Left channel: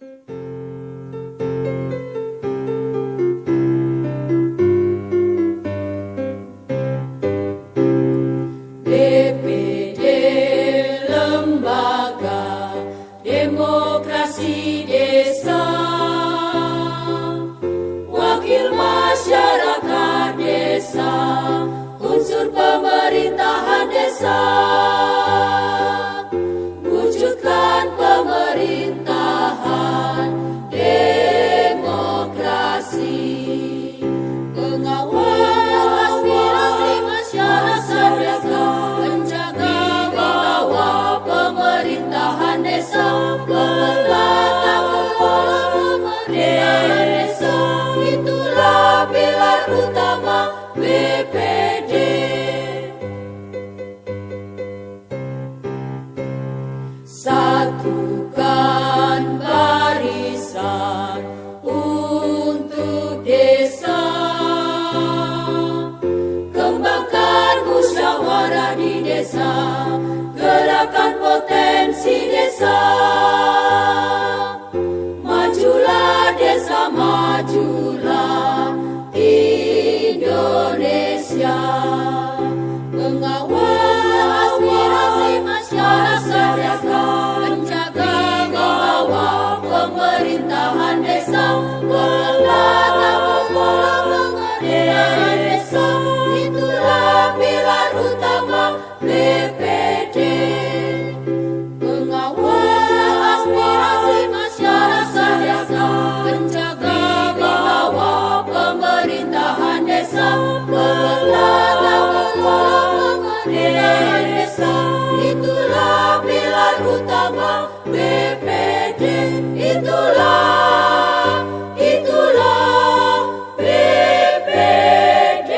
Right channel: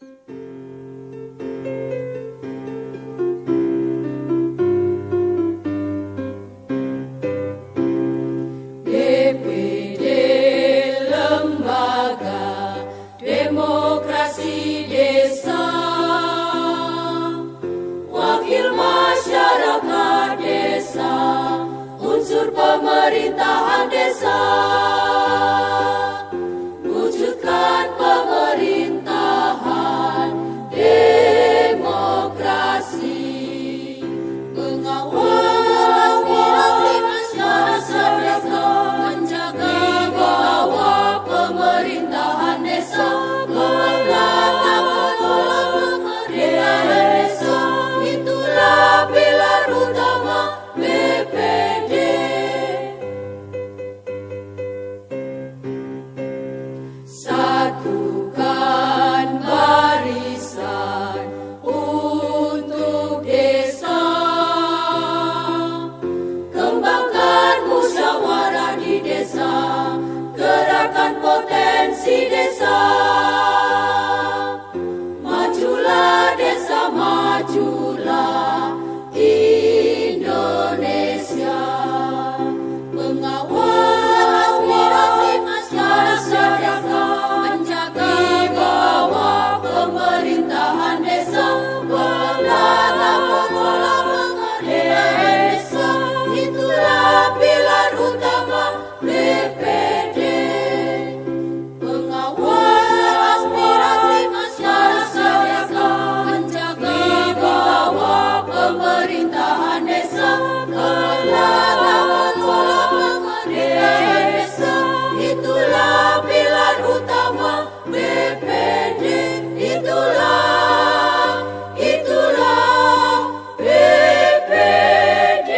DPD Lembaga Demokrasi Desa, Wakil Masyarakat Desa, unsur pemerintahan desa, wujudkan pemerintahan demokrasi, pengawal aspirasi masyarakat desa, penjaga wibawa pemerintahan desa, penata kelola pemerintahan desa, itulah pilar utama BPD. Satukan barisan untuk desa, kembangkan musyawarah di desa, gerakan potensi desa, majulah desa, majulah Indonesia, pengawal aspirasi masyarakat desa, penjaga wibawa pemerintahan desa, penata kelola pemerintahan desa, itulah pilar utama BPD. Pengawal aspirasi masyarakat desa, penjaga wibawa pemerintahan desa, penata kelola pemerintahan desa, itulah pilar utama BPD. Itulah BPD.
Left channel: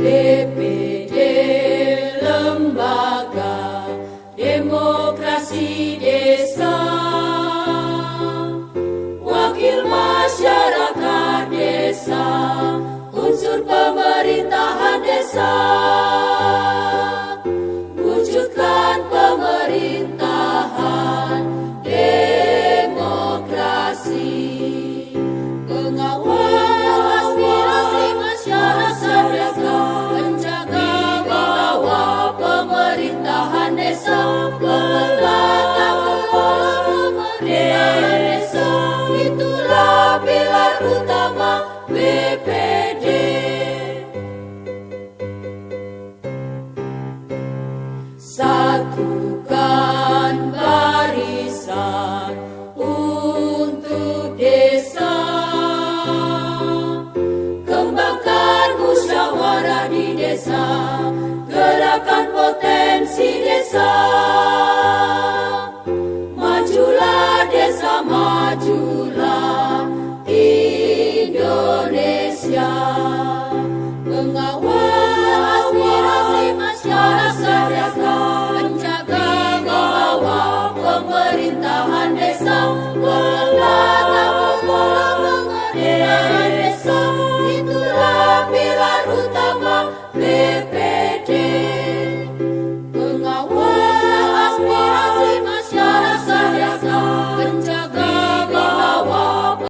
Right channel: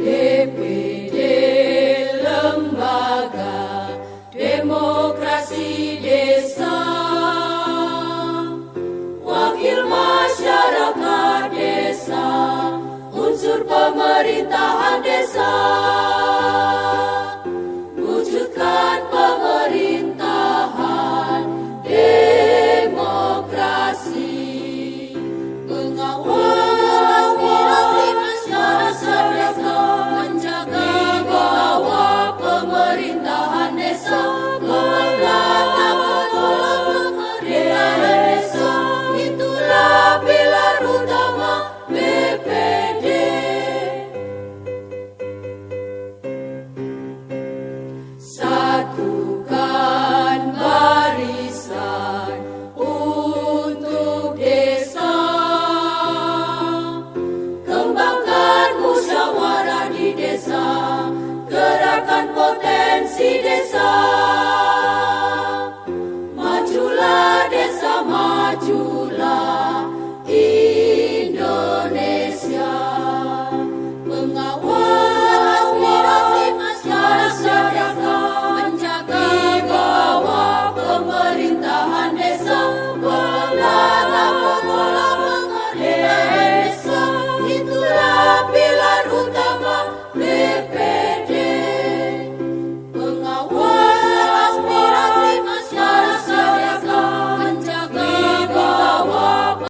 DPD Lembaga Demokrasi Desa, Wakil Masyarakat Desa, unsur pemerintahan desa, wujudkan pemerintahan demokrasi, pengawal aspirasi masyarakat desa, penjaga wibawa pemerintahan desa, penata kelola pemerintahan desa, itulah pilar utama BPD. Satukan barisan untuk desa, kembangkan musyawarah di desa, gerakan potensi desa, majulah desa, majulah